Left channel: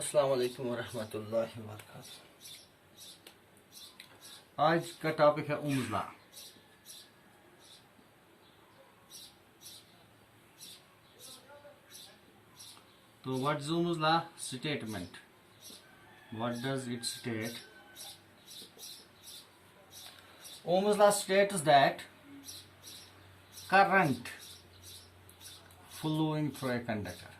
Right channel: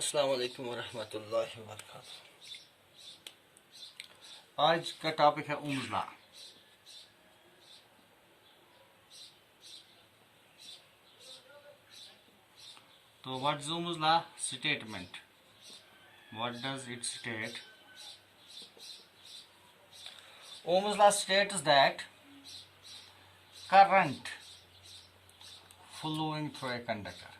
अस्सलाम वालेकुम वरहमतुल्लाहि वबरकातुहू। आज का टॉपिक है ओम्स लॉ। तो what is Ohm's law statement? What does it state? Ohm's law states that current flowing through a conductor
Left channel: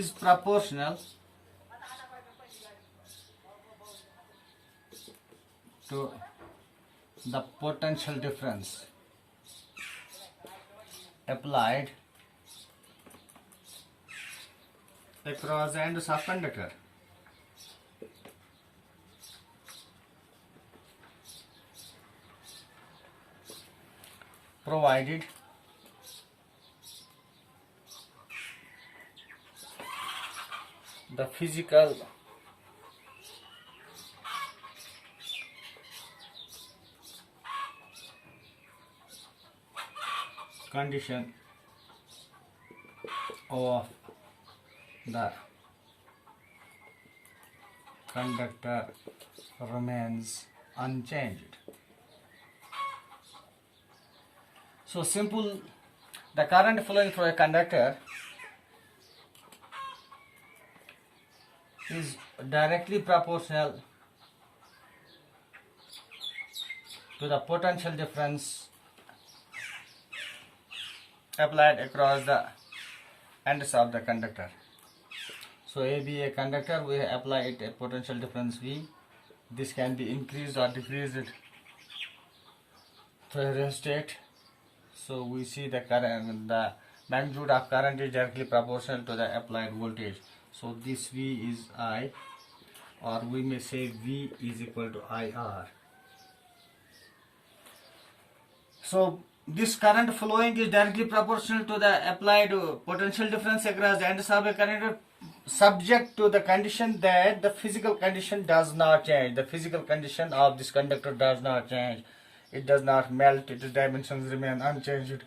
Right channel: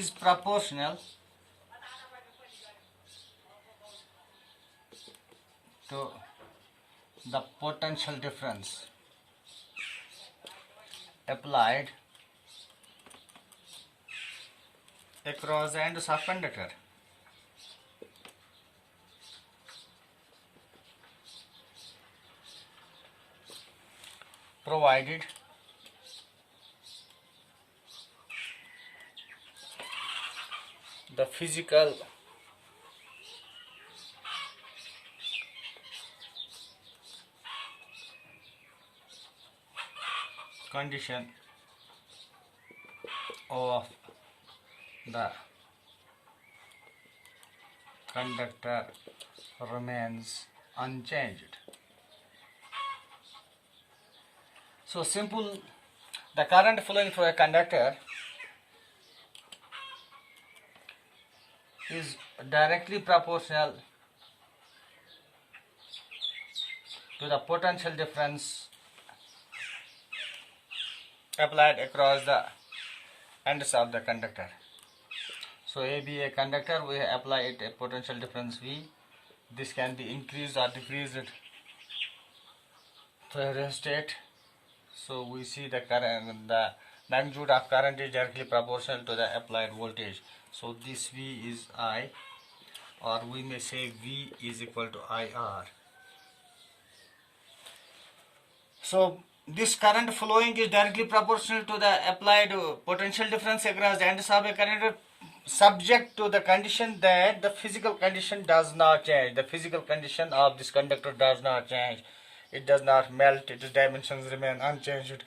is proportional to the potential difference applied across the ends of conductor. Provided The physical condition of the conductor remains unchanged. So simple, the current flowing through a conductor is directly proportional to the potential difference applied across the ends of the conductor. So A be a conductor, we apply it a potential difference V. This can be increased or decreased to a state. So we see the current, the magnitude of current is directly proportional to the applied voltage. So this V is I, or we may say V is equal to IR. So this current flowing is directly proportional to the applied potential difference across the ends of a conductor, subject to the condition that the physical condition does not change. The physical condition of this conductor does not change. It does not melt, its dimensions remain unchanged.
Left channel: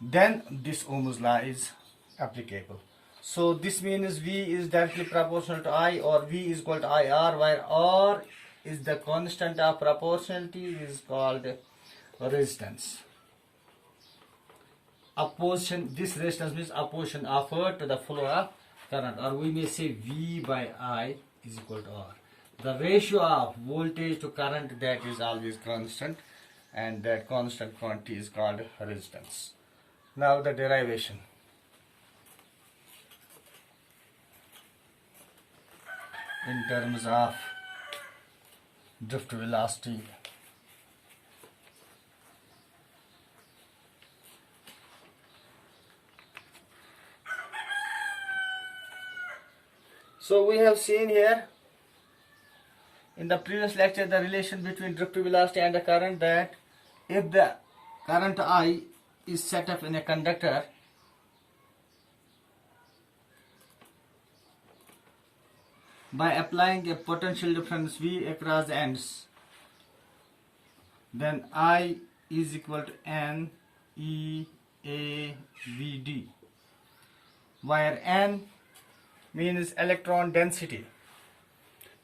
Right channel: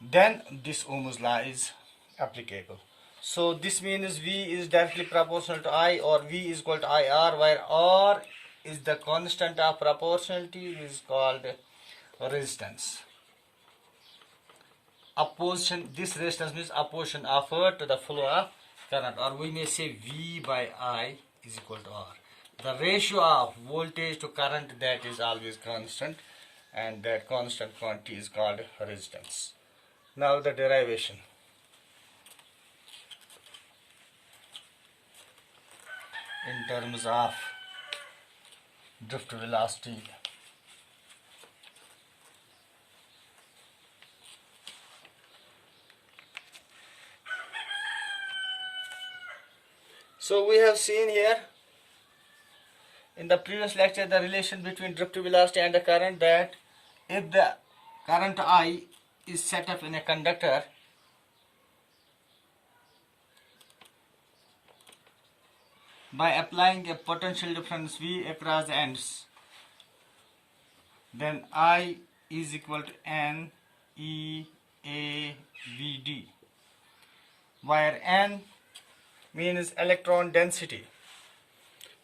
Then this Ohm's law is applicable. So this means V is directly proportional to I, or V is equal to IR, where R is the constant of proportionality, is called resistance. Opposition, this resistance means opposition offered to the flow of current, or we may say V by I is equal to R. The ratio of voltage to current, that is always constant, and that constant quantity is called resistance. Now the derivation. In terms of drift velocity, So we have seen here in the previous lecture the relation between drift velocity and the current, that if the current I is set up in a conductor, by applying a potential difference V across the ends, then I is equal to N E A V D, where N means electron density,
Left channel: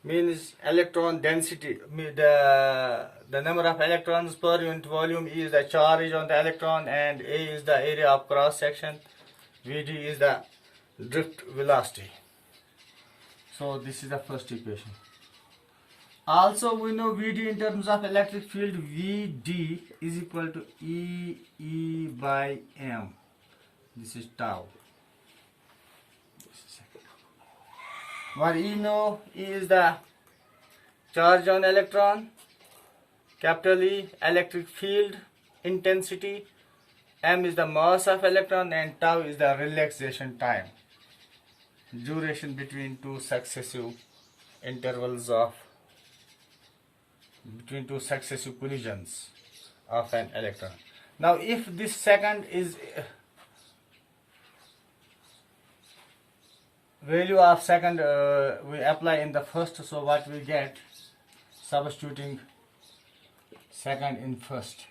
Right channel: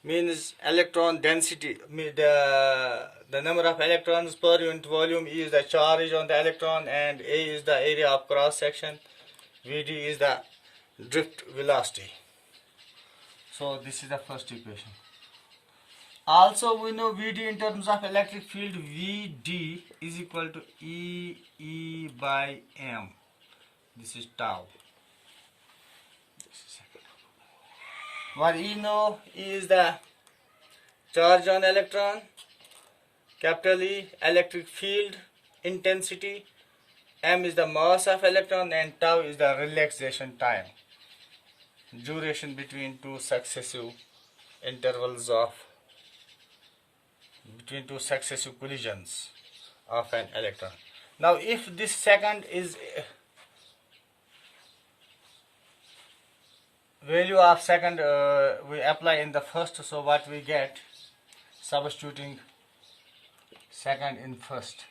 the number of electrons per unit volume, is the charge on the electron, and A is the area of cross section, Vd is the drift velocity. So this is the first equation. Also we know Vd in terms of electric field, Vd is equal to E by M. This is tau. What E know is the charge on electron, capital E, electric field intensity, M is the mass of electron, and tau is the relaxation time, duration between two successive collisions of an electron. Now if this second is value of second we apply in the first, so what we get, substituting second in first,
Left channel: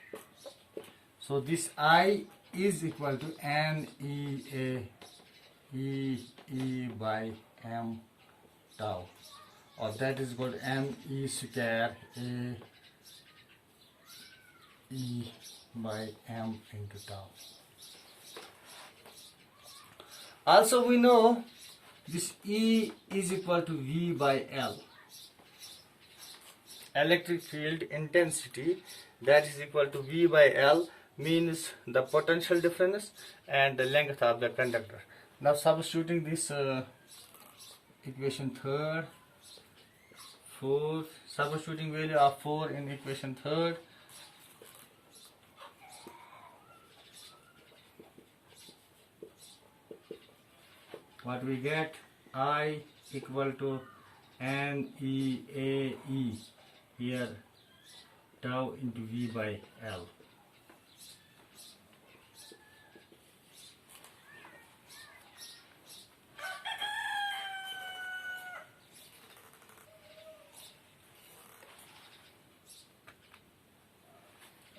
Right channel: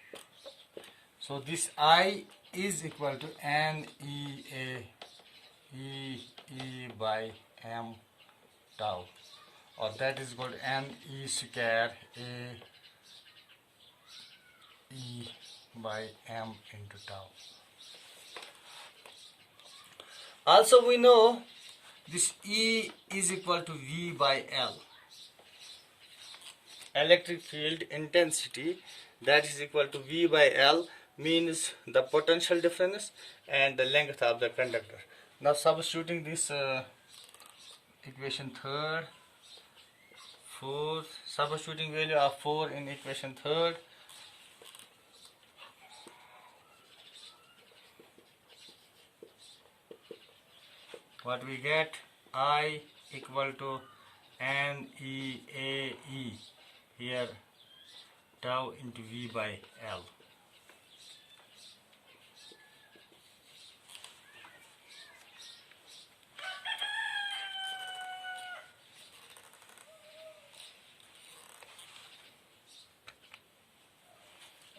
So this I is equal to N E by M tau, or that is equal to N E square A E by M into tau. Also we know this E is equal to V by L. Electric field intensity, that is equal to V by L, means the potential difference and the length of the conductor. Now substituting this equation third, fourth, substituting value of 4 in equation third, what we get, I equal to NEAE, here tau into V by L.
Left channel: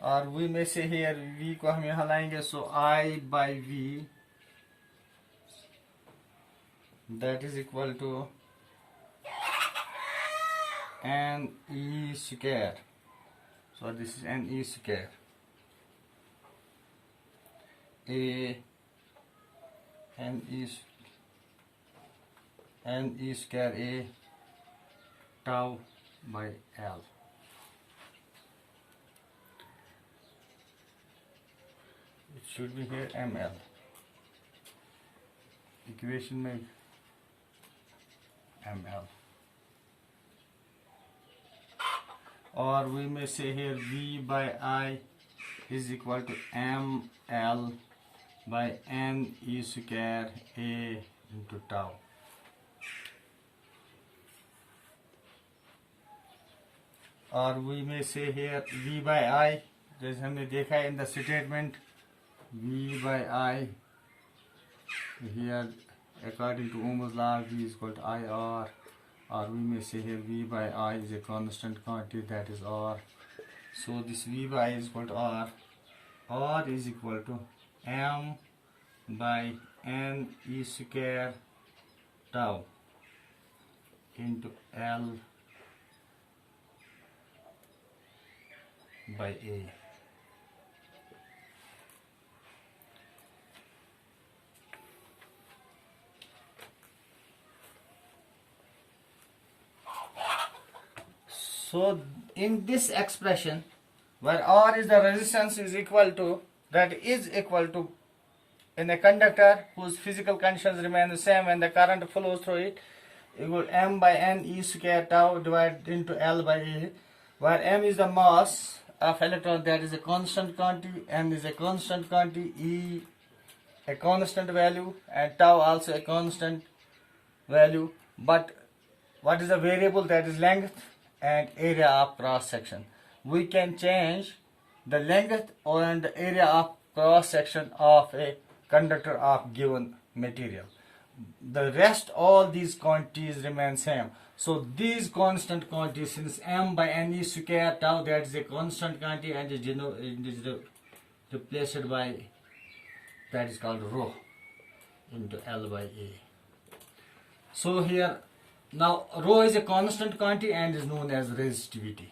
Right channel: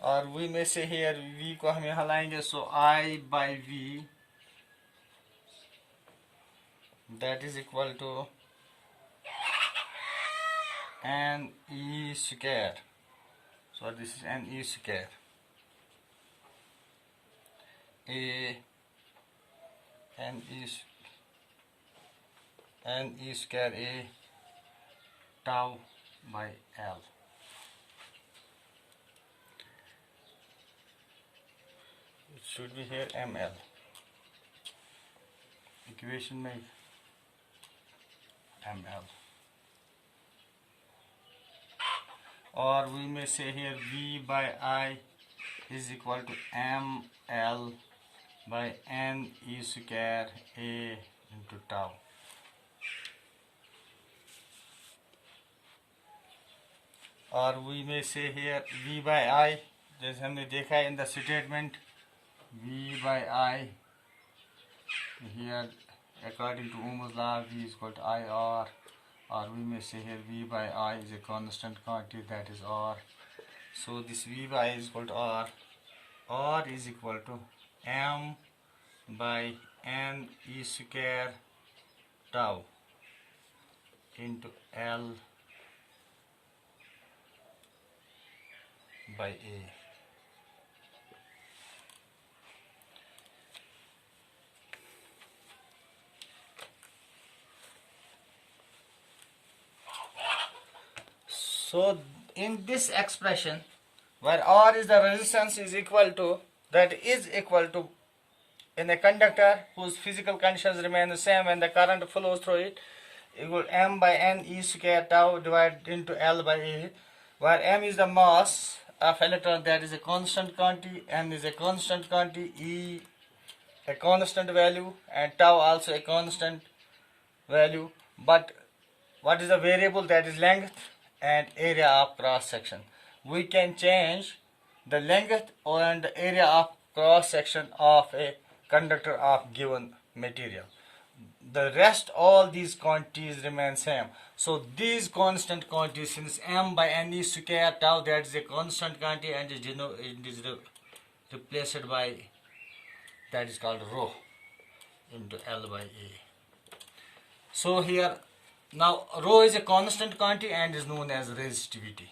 और we may say here V को हम यहाँ लाएंगे, so I by V, that is equal to NE square. So this is NE square A NE square A tau by L. It should be here ML. Equation में ML. Or we may say here V by I is equal to ML by NE square A into tau. Or we may say here V by I, जैसे हमने देखा है in the statement, V by I, here according to Ohm's law V is equal to IR, or we may say here V by I is a constant quantity, that is R. So this V by I is equal to R is equal to M by N E square tau into L by A. So in this expression, where R is the resistance is equal to, that is equal to, in a conductor whose physical conditions remain the same when the current flows through it, equal M by N E square tau divided into L by A, where M is the mass of electron, that is a constant quantity, N is a constant quantity, E a constant value, and tau also a constant value. But what is the variable? That is length and area of cross section. We can change the length and the area of cross section of a conductor of given material. The rest, all these quantities remain same. So these constant quantities, since M by Ne square tau, that is a constant quantity, and it is replaced by, that is called rho into L by A. So here now rho is a constant quantity and is known as resistivity.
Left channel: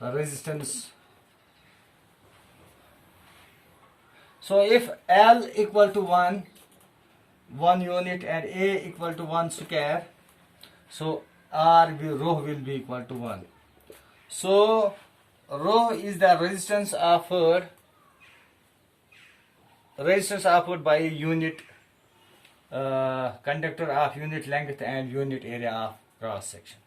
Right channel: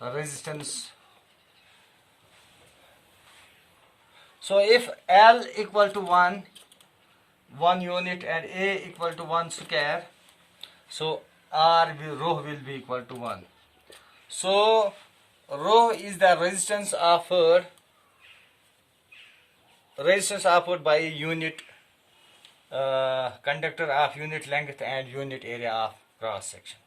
Resistance. So if L equal to 1 unit and A equal to 1 square, so rho will be equal to 1. So rho is the resistance offered by a unit conductor of unit length and unit area of cross section.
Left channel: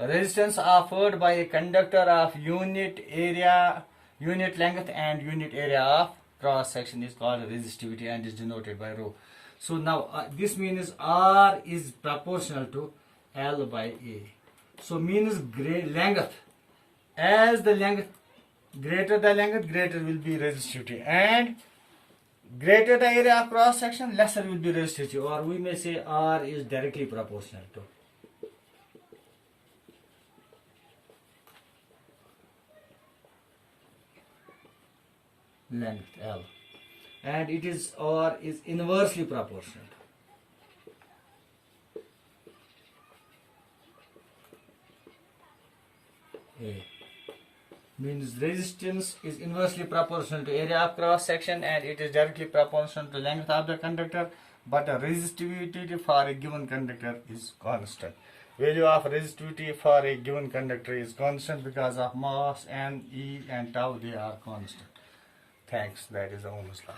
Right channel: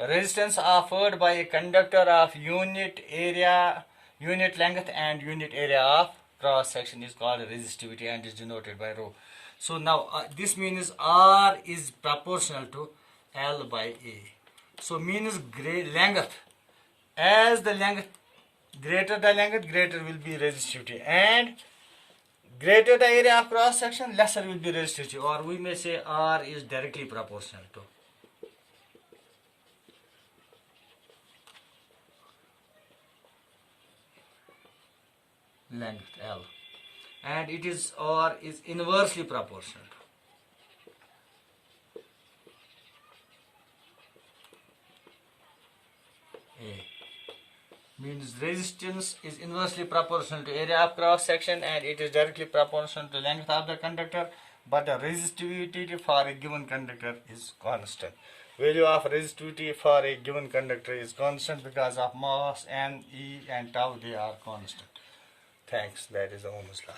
Resistance offered by a conductor of unit area, unit length and unit area of cross section is called resistivity and is denoted by rho. So now this means R is proportional to L by A. So means length. As the length, greater the length, greater will be resistivity, and greater the area of cross section, lesser will be resistivity, or we may say R is directly proportional to. length L, and it is or is inversely proportional. A means resistance is inversely proportional to area of cross section, and it is directly proportional to length of the conductor, but the resistivity for a given conductor is constant. Value of resistivity for a given conductor is constant because of mass, n, e and tau, they are constant. Thanks. That is the Ohm's law.